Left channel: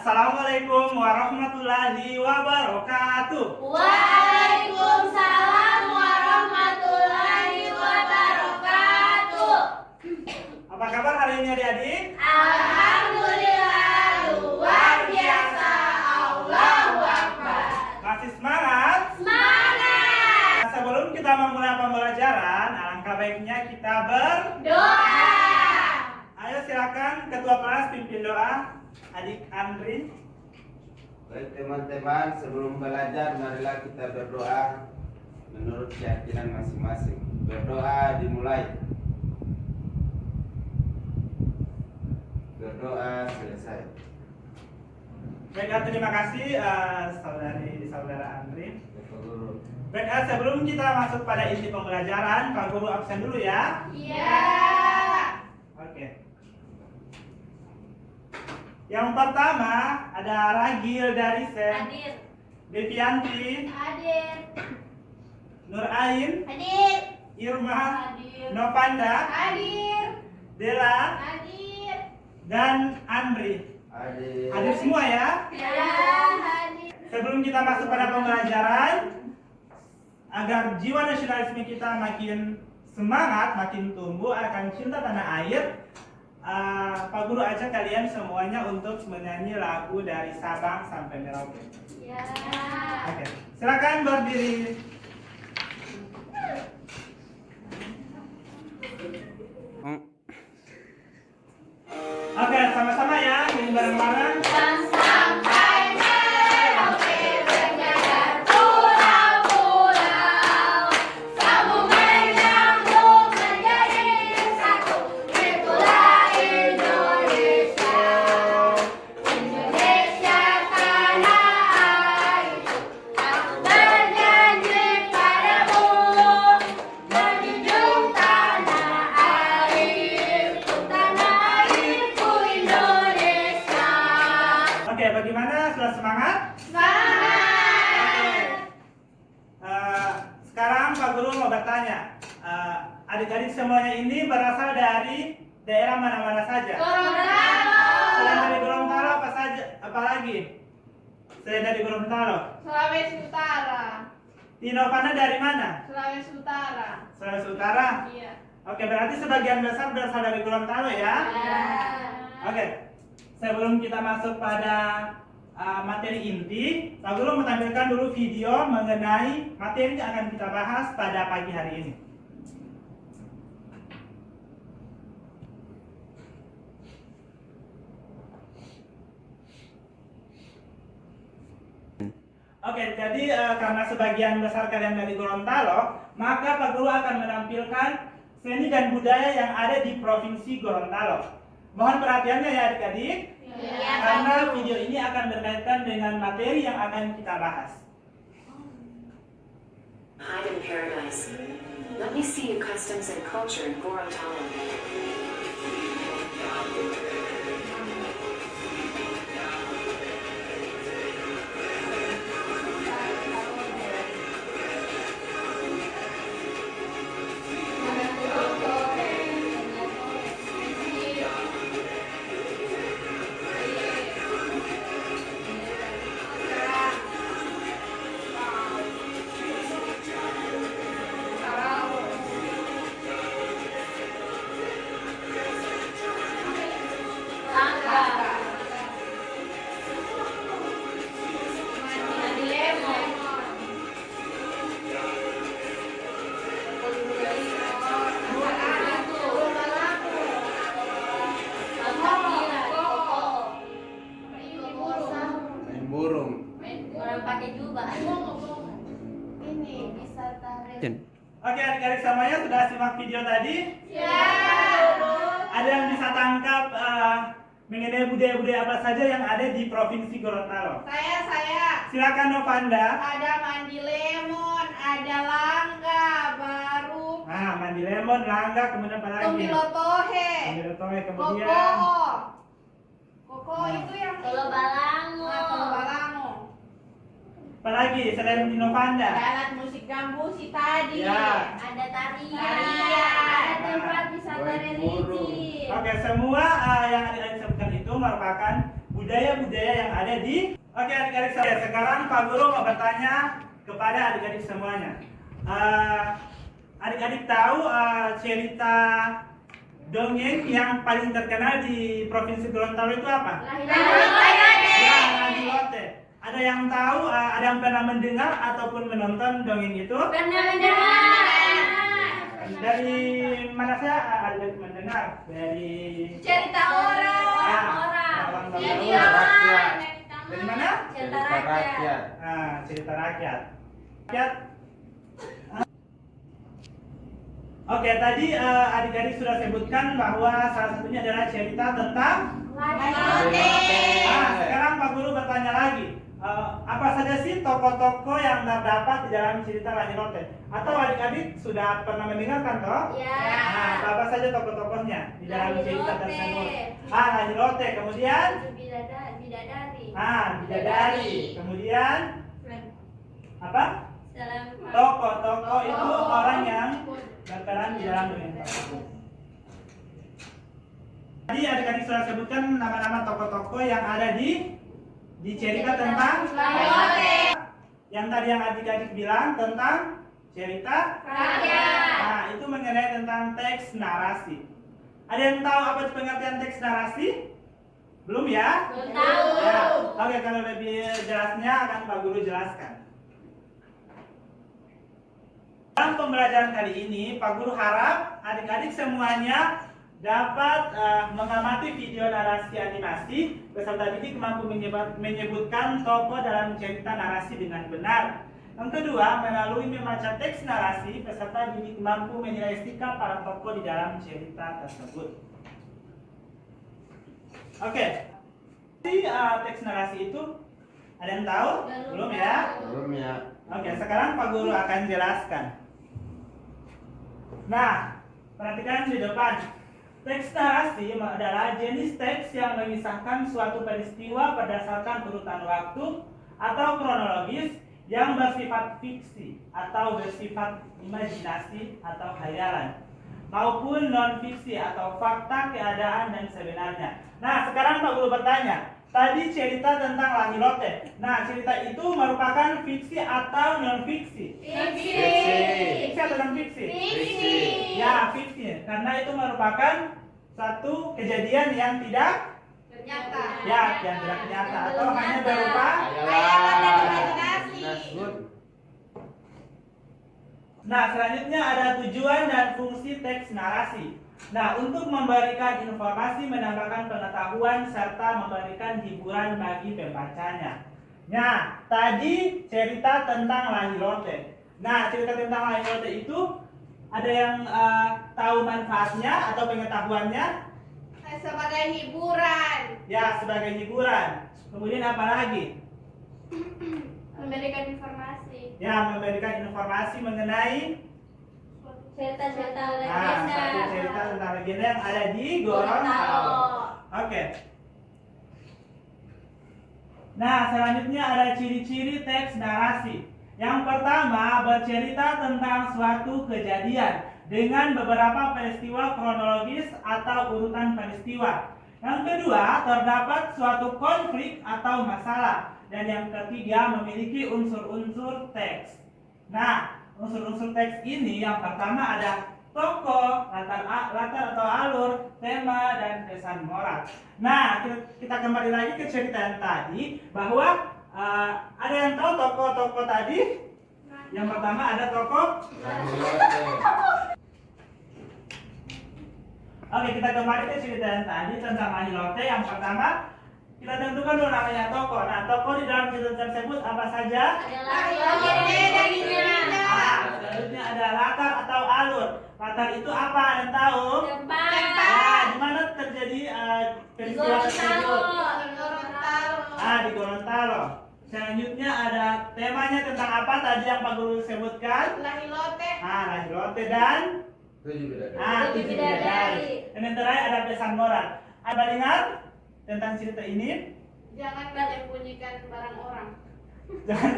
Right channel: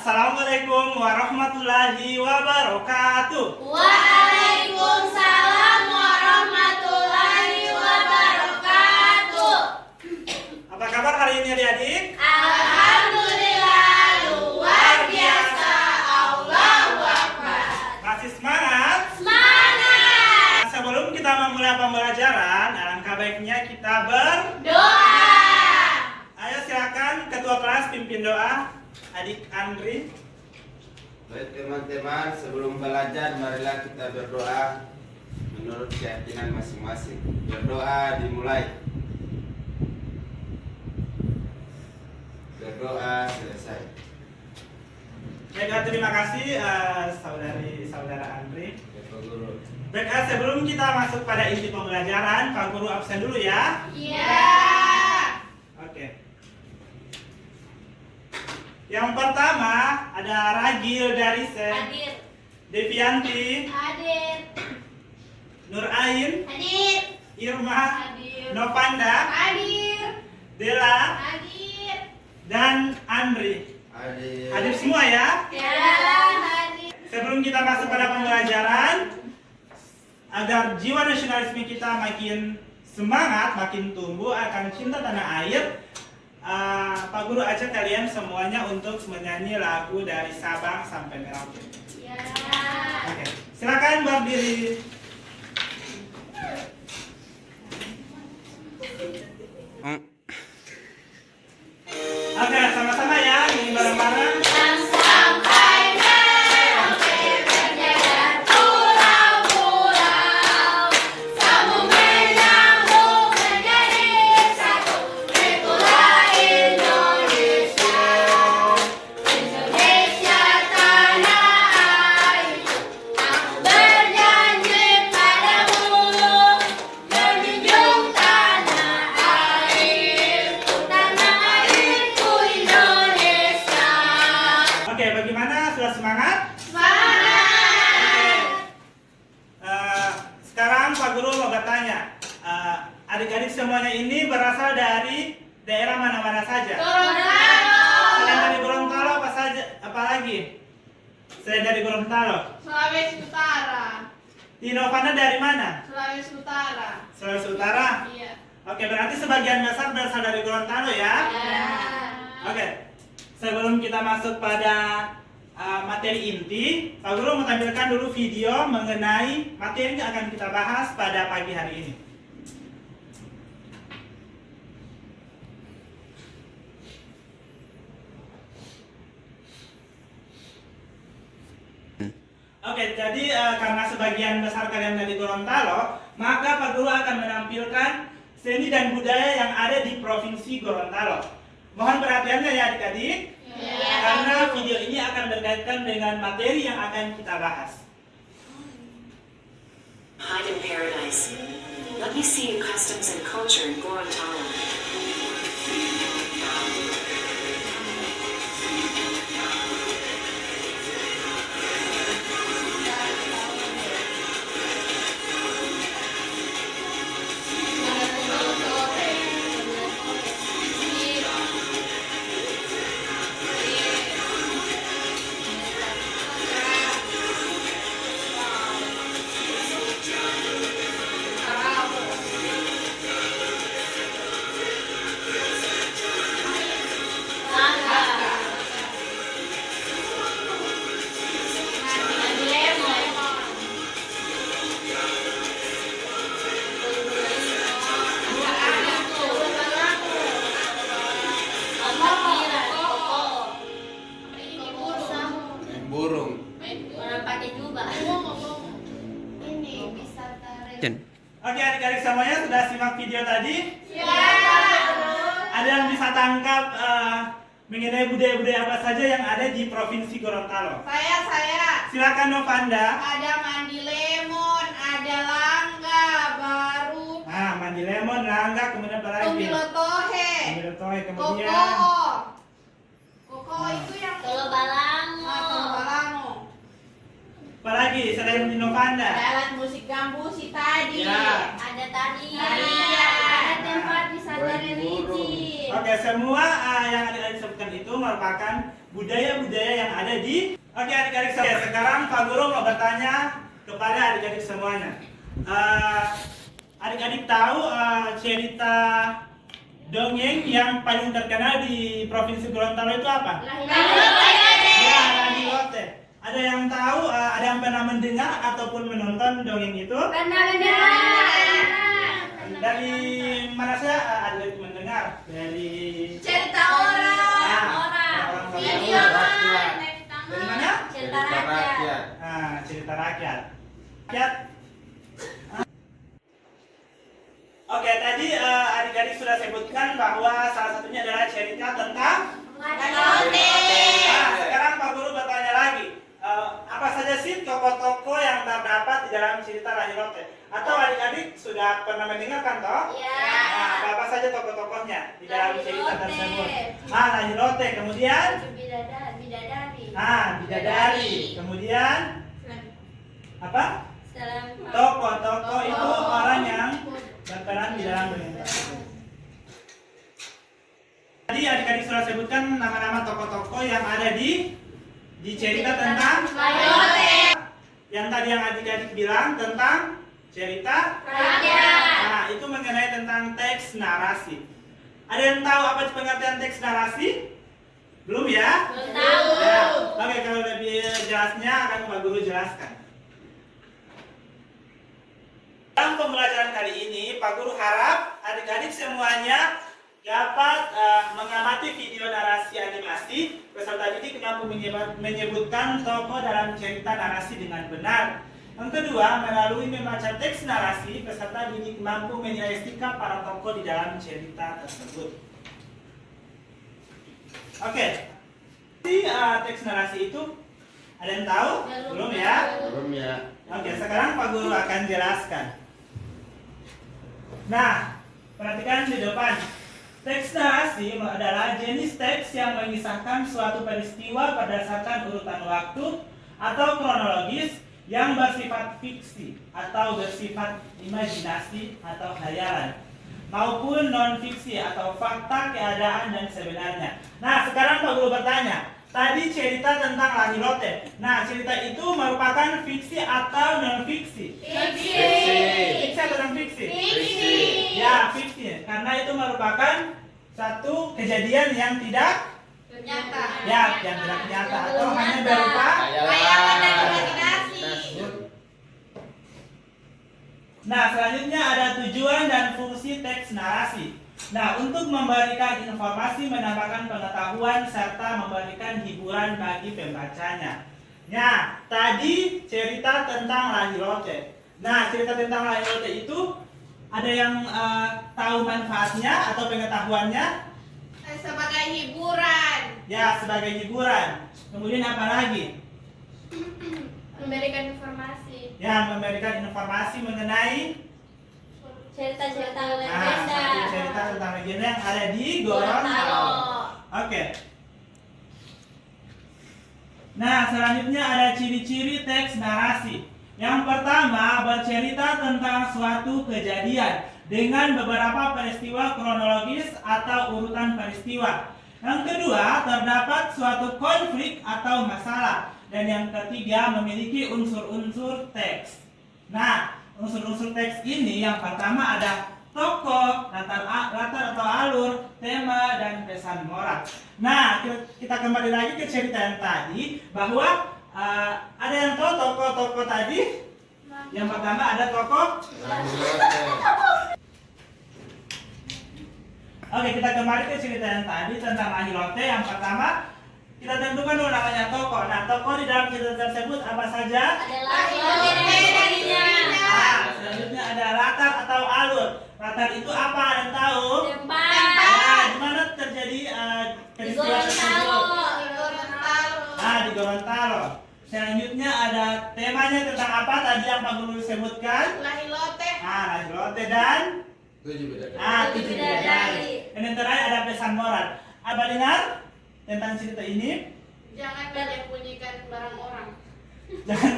Assalamualaikum warahmatullahi wabarakatuh. Waalaikumsalam warahmatullahi wabarakatuh. Apa kabar hari ini adik-adik? Alhamdulillah luar biasa. Allahu Akbar. Masih semangat? Semangat. Sebelum kita memulai pembelajaran, alangkah baiknya kita Doa. Ayo silakan ketua kelas pimpin doa. Adik Andri. Baik teman-teman, sebelum belajar marilah kita berdoa menurut keyakinan masing-masing. Berdoa dimulai. Berdoa selesai. Baik, terima kasih saudara Andri. Bapak Guru. Baik, sebelum kita masuk pada inti pembelajaran, Pak Guru absen dulu ya. Iya. Oke. Yang pertama ada Ragil dari Hadir. Devianti, Hadir. Nur Ain, Hadir. Irma, Hadir. Novanda, Hadir. Dela, Hadir. dan Andri. Hadir. Hadir semua ya. Ya. Hadir. Sebelum kita masuk pada pembelajaran, agar jiwa nasionalisme kita makin semangat, makin tumbuh akan cinta tanah air, Pak Guru ajak kalian semuanya untuk menyanyi lagu dari Sabang sampai Merauke. Ya. Oke, silakan berdiri. Oke, sama-sama ya, ini bareng-bareng. Yang sampai Merauke berjajar pulau-pulau, sambung menyambung menjadi satu. Itulah Indonesia, Indonesia tanah airku. Aku berjanji padamu, menjunjung tanah airku, Indonesia. Oke, bagaimana? Sudah semangat? Semangat. Sekarang Pak Guru mau bertanya, adik-adik semuanya ini berasal dari daerah mana-mana saja? Selain dari Gorontalo apa saja? Apa lagi? Selain dari Gorontalo, Sulawesi Utara. Tino Fana dari mana? Sulawesi Utara. Sulawesi Utara. Iya. Oke, berarti sebagian besar berasal dari Gorontalo ya? Oke, sebelum kita masuk pada materi inti, Pak Guru mau tampilkan dulu video mengenai materi yang akan kita bahas pada pagi hari ini. Oke, jadi karena sebagian besar kalian dari Gorontalo, maka Pak Guru akan menampilkan seni dan budaya yang ada di Provinsi Gorontalo. Mohon perhatiannya ya adik-adik, karena video ini akan berkaitan dengan materi yang akan kita bahas. Hide in paradise. Let me see your customs and culture in Gorontalo. Main burung. Ini bisa tarik. Oke adik-adik semuanya sudah simak video tadi? Ya. Ada yang bisa tangkap mengenai budaya-budaya apa saja yang ada di Provinsi Gorontalo? Saya. Silakan Novanda. Ada mandi lemon, ada langga baru, Nah, mandi lemon, langga, kemudian apa lagi? Tomilotohe, Tomilotohe, kemudian koko. Koko itu yang Tolo Balango. Balango. apa lagi selain di Novanda? Ada alat musik gambusi tadi. Ya. Ada tarian. Tarian. Ada tempat wisata Baik, burung. religi. Oke, semua yang adik-adik sebutkan itu merupakan budaya-budaya yang ada di. Oke adik-adik saya, sekarang Pak Guru mau bertanya kepada adik-adik semuanya. Adik-adik tahu cerita dongeng yang paling terkenal di Provinsi Gorontalo itu apa? Ya, Lahilote. Ada yang tahu, ada yang pernah mendengar ataupun menonton dongeng itu? Dari mana saya ada mendengar? Dari Cerita orang. Video. Dari mana? Cerita Cerita rakyat. Cerita rakyat. Rakyat. Oke, tadi adik-adik sudah sebutkan bahwa salah satunya adalah cerita tentang. Sekarang Pak Guru bertanya lagi. Apa saja sih tokoh-tokoh yang terdapat di dalam cerita Lahilote? Atau adik-adik sudah pernah mendengarkan toh? Ya. Apa saja tokoh-tokohnya di dalam cerita Lahilote. tersebut? Lahilote, kemudian Bidadari. bidadari, kemudian apa? Salam. Tokoh itu orang yang berperan di dalam dongeng tersebut. Tadi adik-adik sudah sebutkan nama-nama tokoh-tokoh yang ada di cerita tentang Lahilote. Yang tadi yang adik-adik bilang tentang cerita Rakyat. Nah, itu mengenai tentang teks narasi. Ada yang tahu apa itu pengertian teks narasi? Belum ya? Belum tahu. Ya. Oke, kalau lebih jelasnya akan Pak Guru jelaskan. Dalam pembelajaran kali ini, Pak Guru harap adik-adik semuanya dapat mengamati video narasi animasi. Peserta didik mampu menyebutkan tokoh dalam cerita narasi dengan benar. Yang kedua, melalui membaca teks narasi, peserta didik mampu menilai sikap para tokoh di dalam cerita tersebut. Oke, teks narasi itu ada yang tahu? Belum ya? Belum ya. Oke, sekarang Pak Guru akan jelaskan. Nah, perhatikan di depan. Teks narasi adalah jenis teks yang mengisahkan suatu peristiwa berdasarkan urutan waktu atau kronologis yang bersifat fiksi atau bersifat imajinasi atau khayalan, maupun non-fiksi atau fakta keadaan dan sebenarnya. Nah, sekarang Pak Guru bertanya, tadi cerita tentang Lahilote. Nah, cerita itu merupakan fiksi atau non-fiksi? Fiksi atau non-fiksi? Fiksi. Ya, fiksi. Karena itu merupakan satu kejadian yang tidak Nyata. yang tidak nyata atau hanya berupa. Khayalan dan imajinasi. Nah, selanjutnya ada tujuan dan fungsi teks narasi. Nah, untuk memberikan informasi, menambahkan pengetahuan, serta memberikan hiburan bagi pembacanya. Nah, tadi cerita tentang Lahilote. Nah, cerita tentang Lahilote itu ada yang tahu manfaatnya atau pengetahuannya? Sebagai hiburan. Ya, sebagai hiburan. Kemudian apa lagi? Memberikan informasi. Ya, memberikan informasi mengenai Cerita-cerita satu cerita tentang legenda yang ada di Gorontalo. Oke. Nah, selanjutnya ada ciri-ciri teks narasi. Yang pertama, bercerita tentang suatu kejadian dengan beberapa peristiwa kronologis atau urutan peristiwa. Yang kedua, terdapat suatu konflik atau masalah. Dan yang ketiga, memiliki unsur-unsur teks. Nah, unsur-unsur teks ini yang pertama ada tokoh, latar atau alur, tema, dan pesan moral. Nah, kita kembali lagi ke cerita yang tadi, bahwa ada yang tahu tokoh-tokoh tadi? Yang pertama ada tokoh. Oke, kita kembali ke cerita yang tadi tentang Lahilote. Yang pertama, kita tentukan dulu namanya tokoh. Nah, tokoh di dalam cerita tersebut apa saja? Selanjutnya ada latar atau alur. Latar itu apa? Ada yang tahu? Ya, di mana terjadi peristiwa tersebut? Di Gorontalo. Selanjutnya ada temanya tentang apa tadi yang Pak Guru sebutkan? Lahilote. Lahilote dan Tujuh bidadari. tujuh bidadari. Dan yang terakhir ada pesan moral. Apa dengar tentang cerita ini? Jangan menyembunyikan barang orang. Jangan.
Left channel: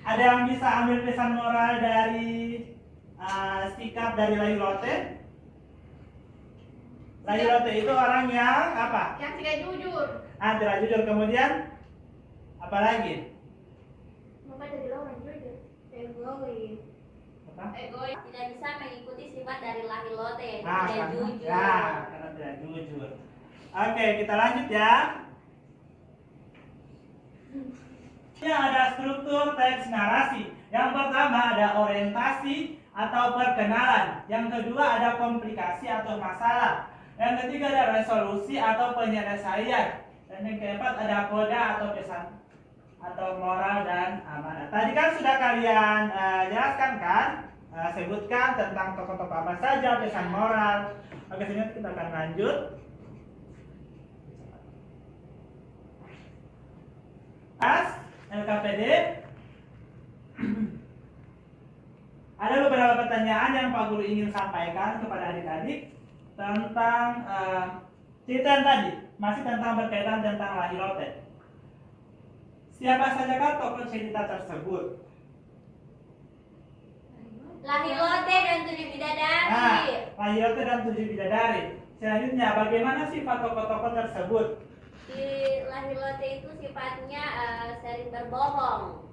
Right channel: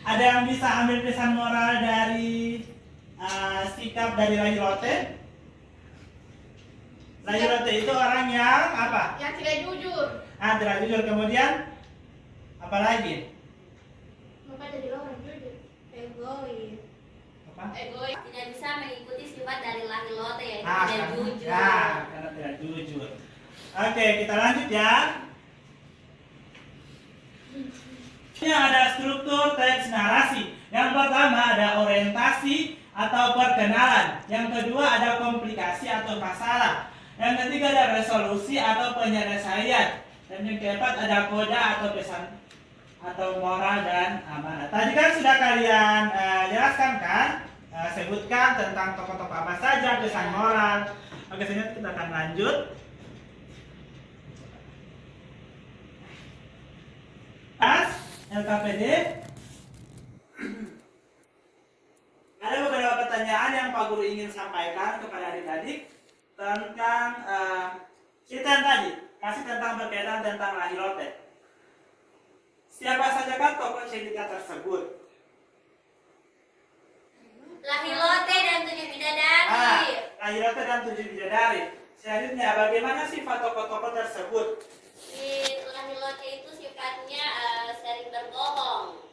Ada yang bisa ambil pesan moral dari sikap dari Lahilote? Lahilote itu orang yang apa? Yang tidak jujur. Tidak jujur. Kemudian apa lagi? Apa jadi orang jujur? Egois. Apa? Egois. Tidak bisa mengikuti sifat dari lahilote yaitu Nah, tidak karena, jujur. karena tidak jujur. Oke, kita lanjut ya. Ini ada struktur teks narasi. Yang pertama ada orientasi atau perkenalan. Yang kedua ada komplikasi atau masalah. Yang ketiga ada resolusi atau penyelesaian. Dan yang keempat ada koda atau pesan atau moral dan amanat. Tadi kan sudah kalian jelaskan kan? Sebutkan tentang tokoh-tokoh apa saja, pesan moral. Oke, sini kita akan lanjut. LKPD. Ada beberapa pertanyaan yang Pak Guru ingin sampaikan kepada adik-adik tentang cerita yang tadi, masih tentang berkaitan tentang lahilote. Siapa sajakah tokoh cerita tersebut? Lahilote dan 7 bidadari. Lahilote dan 7 bidadari. Selanjutnya, bagaimana sifat tokoh-tokoh tersebut? Si lahilote itu sifatnya sering berbohong,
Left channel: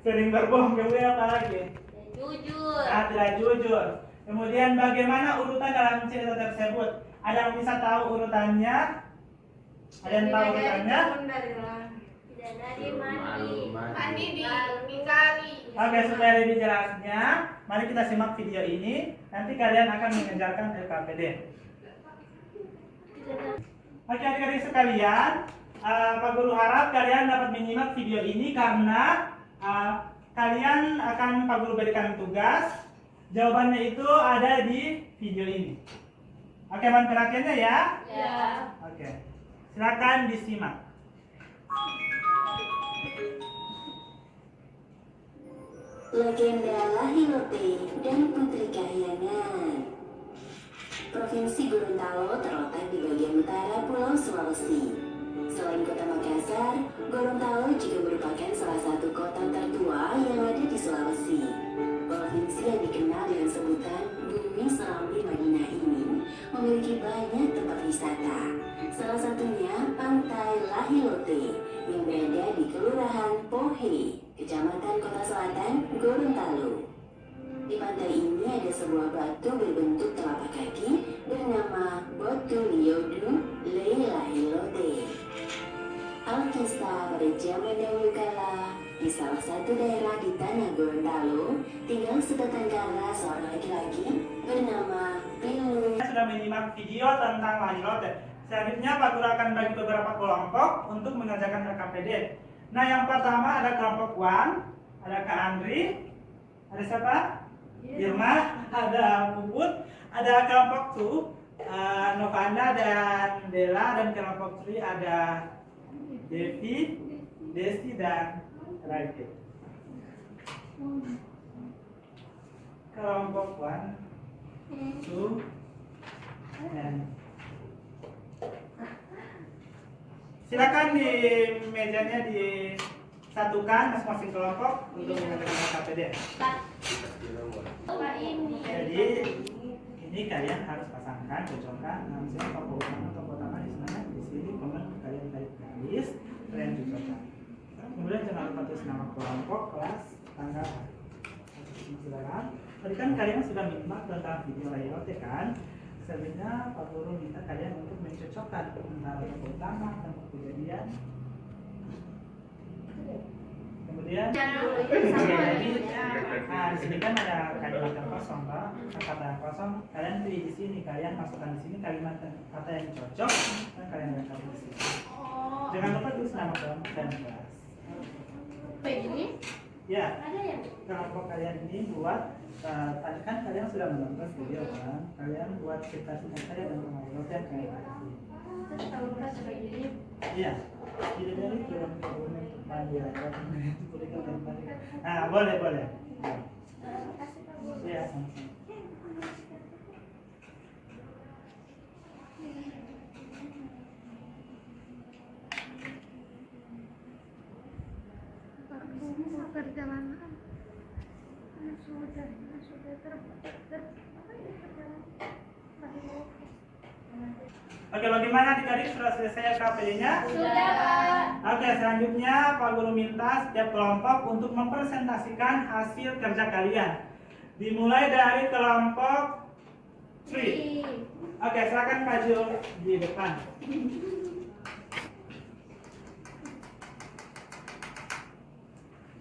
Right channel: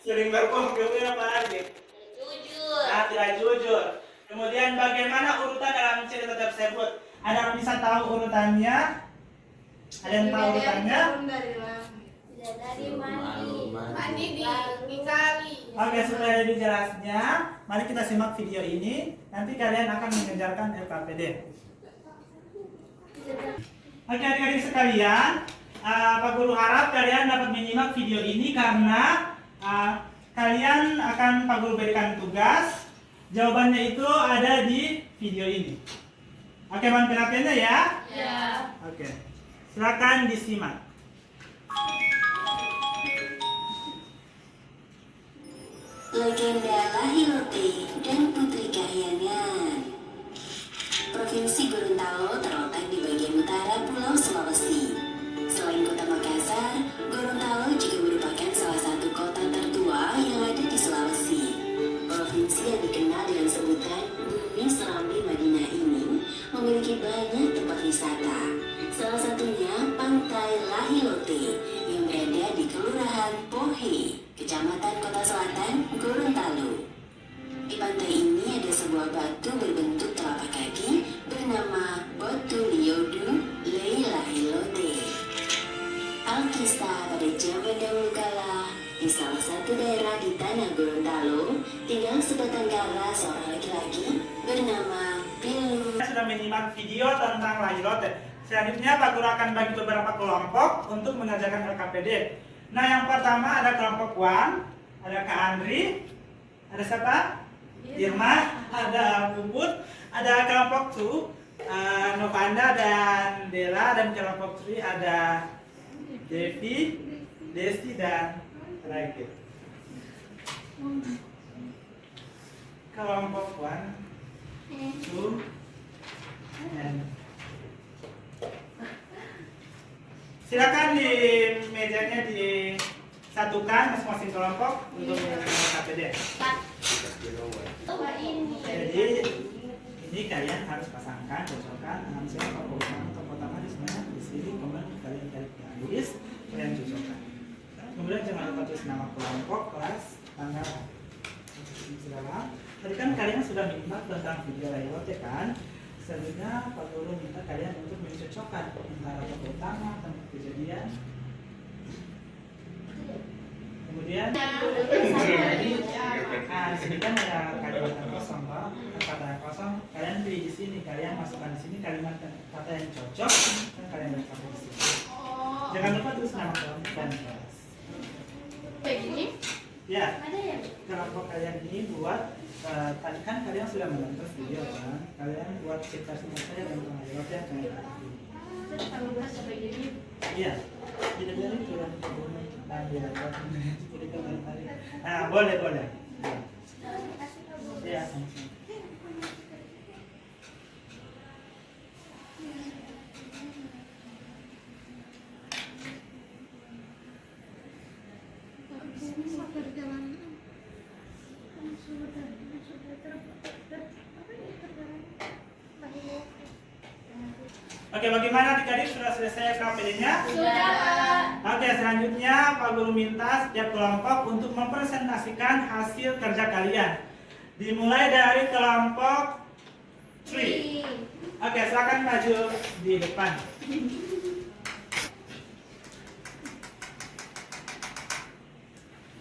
Sering berbohong, kemudian apa lagi? tidak jujur. Tidak jujur. Kemudian bagaimana urutan dalam cerita tersebut? Ada yang bisa tahu urutannya? Ada yang tahu urutannya? Bidadari mandi. Mandi ditinggali. Oke, supaya lebih jelasnya, mari kita simak video ini. Nanti kalian akan mengejarkan LKPD. Oke, adik-adik sekalian, Pak Guru harap kalian dapat menyimak video ini karena kalian akan Pak Guru berikan tugas. Jawabannya itu ada di video ini. Oke, mohon perhatiannya ya. Ya. Oke, silakan disimak. Legenda Lahilote dan Putri Kahyangan. Provinsi Gorontalo terletak di bagian utara Pulau Sulawesi. Selain kota Makassar, Gorontalo juga merupakan salah satu kota tertua yang ada di Sulawesi. Provinsi yang dikenal dengan sebutan Bumi Serambi Madinah ini memiliki banyak tempat wisata. Salah satunya Pantai Lahilote yang berada di Kelurahan Pohe, Kecamatan Kota Selatan, Gorontalo. Di pantai ini ada sebuah batu berbentuk telapak kaki bernama Batu Liodu Lahilote. Alkisah pada zaman dahulu kala, di salah satu daerah di tanah Gorontalo, tinggal sebatang kara seorang laki-laki bernama Pilu. Kita sudah menyimak video tentang lahilote. Selanjutnya Pak Guru akan bagi beberapa kelompok untuk mengajarkan LKPD. Nah, yang pertama ada kelompok 1, ada Kak Andri, ada siapa? Irma, ada Puput, ada kelompok 2, Novanda dan Dela, dan kelompok 3 ada Devi, Desti dan Raikit. Kelompok 1, 2, and silakan di mejanya disatukan masing-masing kelompok untuk mengajarkan KPD. Jadi ini kalian harus pasangkan, cocokkan. Misalnya tokoh utama di sebenarnya di sini, kemudian kalian tarik garis, kalian cocokkan. Kemudian jangan lupa tulis nama kelompok, kelas, tanggal. Silakan. Tadi kan kalian sudah menyimak tentang video layout kan? Selanjutnya Pak Guru minta kalian untuk mencocokkan antara tokoh utama, tempat kejadian. Kemudian di sini kan ada kalimat yang kosong, Pak. Kata yang kosong, kalian pilih di sini, kalian masukkan di sini kalimat kata yang cocok, dan kalian lempar di sini. Jangan lupa tulis nama kelompok dan kelas. Begini? Ya, kelompok kalian ini buat tadi kan kalian sudah menonton video kan, kalian buat singkat-singkat saja tentang layout yang kayak tadi. Iya, tidak dari itu yang kemudian panggil jadi kalian tarik. Nah, boleh. Ya, sama-sama. Oke, bagaimana adik-adik, sudah selesai LKPD-nya? Sudah, Pak. Oke, selanjutnya Pak Guru minta setiap kelompok untuk mempresentasikan hasil kerja kalian. Dimulai dari kelompok 3. Oke, silakan maju di depan.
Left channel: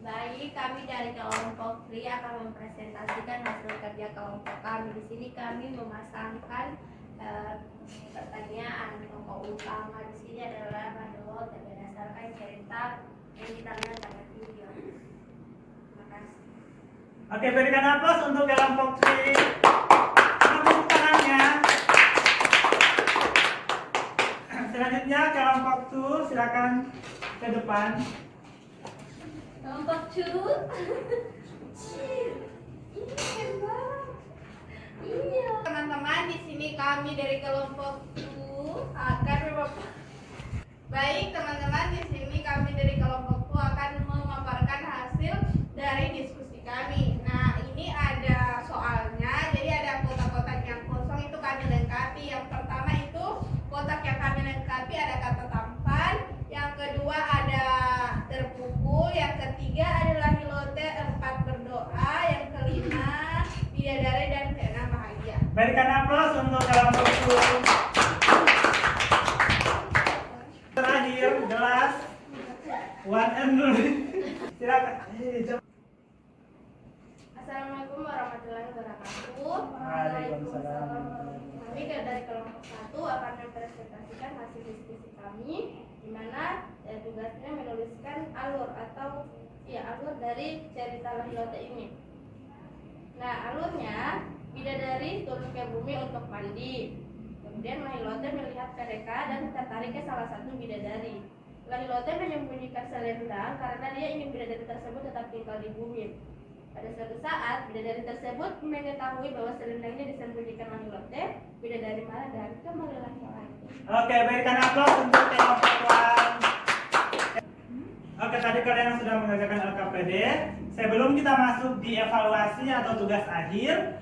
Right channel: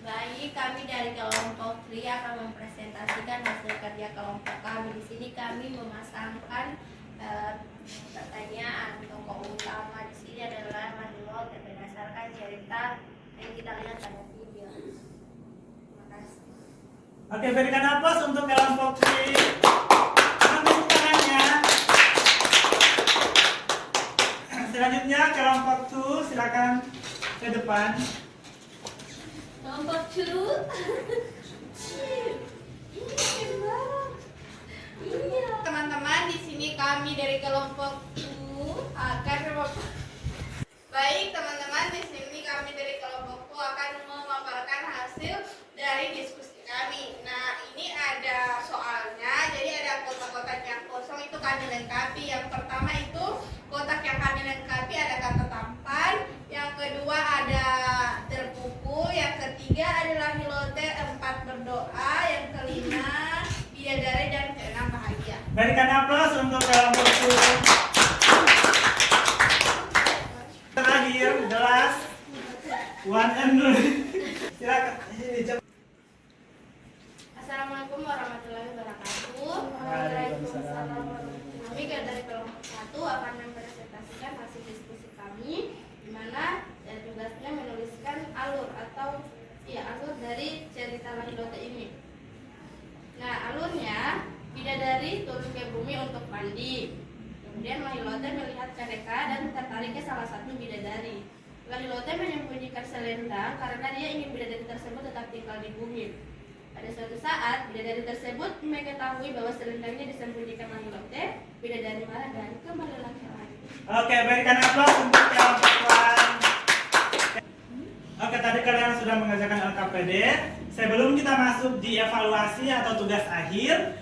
Baik, kami dari kelompok 3 akan mempresentasikan hasil kerja kelompok kami. Di sini kami memasangkan pertanyaan. Tokoh utama di sini adalah Mandelot dan berdasarkan cerita yang kita lihat pada video. Terima kasih. Oke, berikan aplaus untuk kelompok 3. Tepuk tangannya. Selanjutnya kelompok 2, silakan ke depan. Kelompok 2. Iya. Teman-teman, di sini kami dari kelompok 2 akan Baik, teman-teman, di sini kami dari kelompok 2 akan memaparkan hasil dari diskusi kami. Nah, ini ada soalnya. Jadi ada kotak-kotak yang kosong itu kami lengkapi. Yang pertama itu kotak yang kami lengkapi ada kata tampan. Yang kedua ada terpukul. Yang ketiga adalah hilote, 4 berdoa. Yang kelima bidadari dan keenam bahagia. Berikan aplaus untuk kelompok 2. Terakhir, the last one and only. Silakan. Assalamualaikum warahmatullahi wabarakatuh. Waalaikumsalam. Kami dari kelompok 1 akan mempresentasikan hasil diskusi kami, di mana tugasnya menuliskan alur alur dari cerita Lahilote ini. Nah, alurnya bidadari turun ke bumi untuk mandi. Kemudian Lahilote melihat mereka dan tertarik ke salah satu bidadari. Lahilote menyembunyikan selendang karena dia ingin bidadari tersebut tetap tinggal di bumi. Pada suatu saat, bidadari tersebut mengetahui bahwa selendangnya disembunyikan Lahilote. Bidadari marah dan kembali laki-laki. Oke, berikan aplaus untuk kelompok 1. Oke, tadi kalian sudah mengerjakan LKPD. Sebelum kita masuk di evaluasi atau tugas akhir,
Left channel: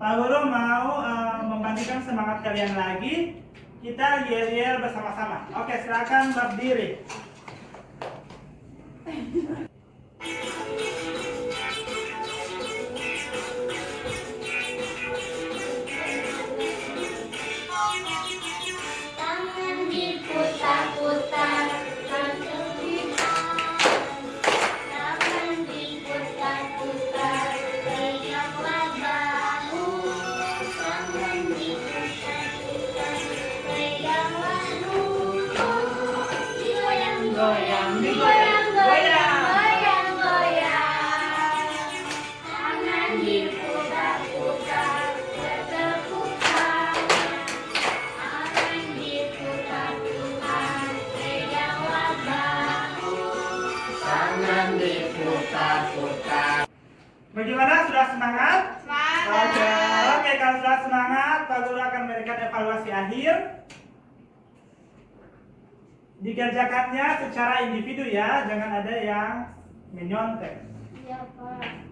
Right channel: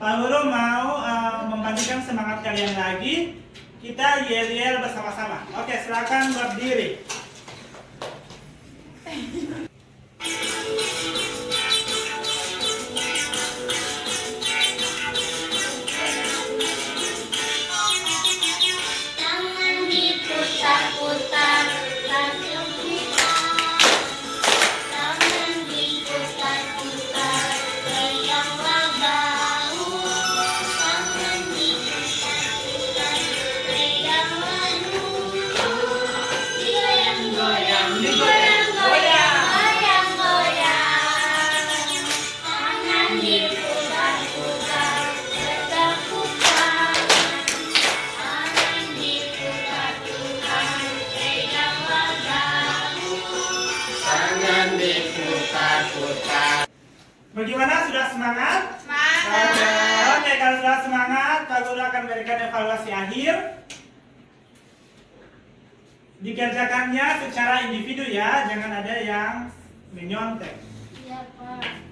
Pak Guru mau membangkitkan semangat kalian lagi. Kita yel-yel bersama-sama. Oke, silakan berdiri. Tangan diputar-putar, langsung tangan diputar-putar, goyanglah bahu. Tangan diputar-putar, goyanglah dulu. Digoyang-goyang, digoyang-goyang, goyang-goyang. Tangan diputar-putar, bertepuk tangan. Tangan diputar-putar, peganglah bahu. Tangan diputar-putar. Bagaimana? Sudah semangat? Oke, oke, kalau sudah semangat, Pak Guru akan memberikan evaluasi akhir. Dikerjakannya secara individu ya, jangan ada yang menyontek. Iya, Pak.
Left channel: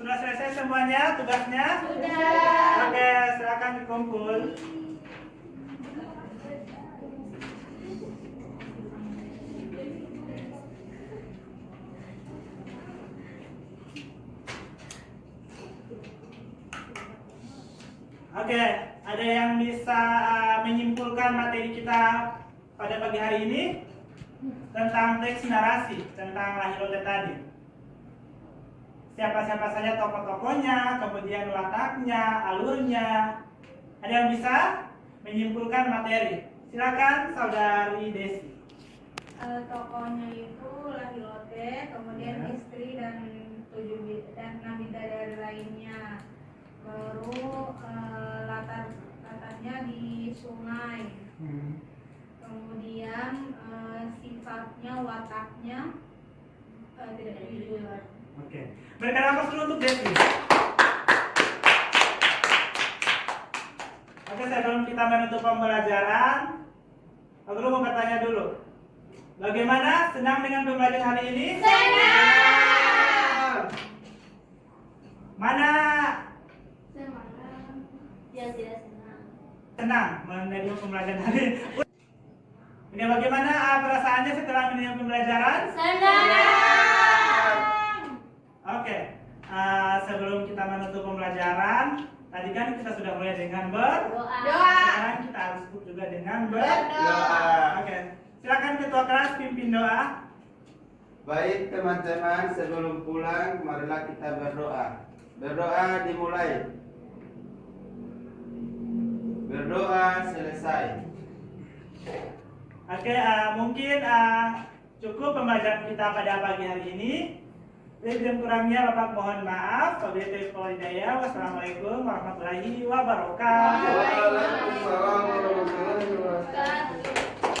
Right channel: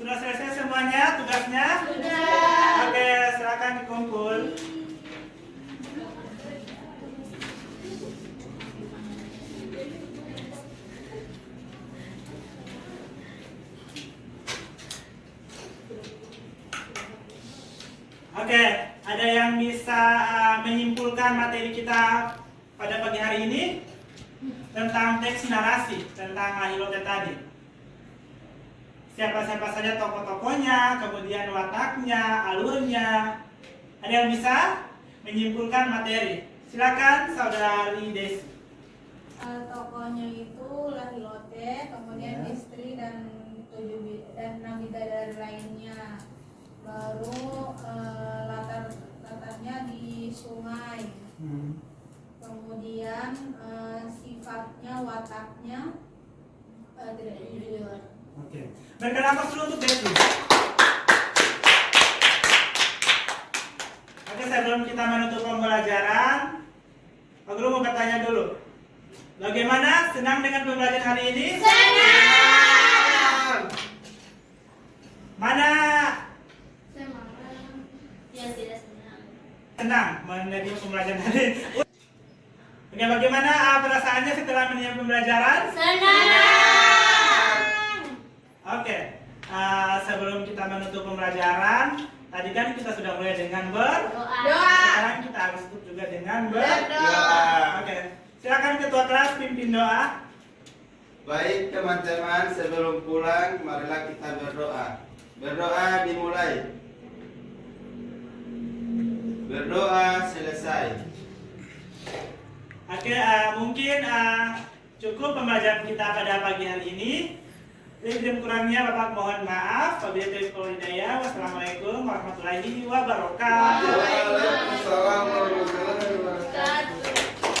Sudah selesai semuanya tugasnya? Sudah. Oke, silakan dikumpul. Oke, ada yang bisa menyimpulkan materi kita pada pagi hari ini tentang teks narasi tentang Lahilote tadi. Siapa-siapa saja tokoh-tokohnya, kemudian wataknya, alurnya. Ada yang bisa menyimpulkan materi? Silakan saudari Desi. Tokohnya itu Lahilote, kemudian Ya. istri dan 6 bidadari lainnya. Baru latarnya di sungai. Kemudian sifat tidak jujur. Oke. Berikan nafas dulu untuk Desi. Oke, sebelum kita menutup pembelajaran, aku dulu mau bertanya dulu. Bagaimana, senang dengan pembelajaran hari ini? Senang. Mana Yang tidak senang. senang menerima pembelajaran hari ini? Oke, bagaimana perasaannya setelah menerima pembelajaran? Oke, sebelum kita menutup pembelajaran, tadi kan kita sudah mulai dengan Doa. sekarang kita harus tutup juga dengan Berdoa. Oke, silakan ketua kelas pimpin doa. Baik teman-teman, sebelum pulang marilah kita berdoa. Berdoa dimulai. Berdoa selesai. Oke, mungkin cukup pembelajaran kita pada pagi hari ini. Lebih kurangnya Bapak mohon maaf. Wabillahi taufiq wal hidayah. Wassalamualaikum warahmatullahi wabarakatuh. Waalaikumsalam.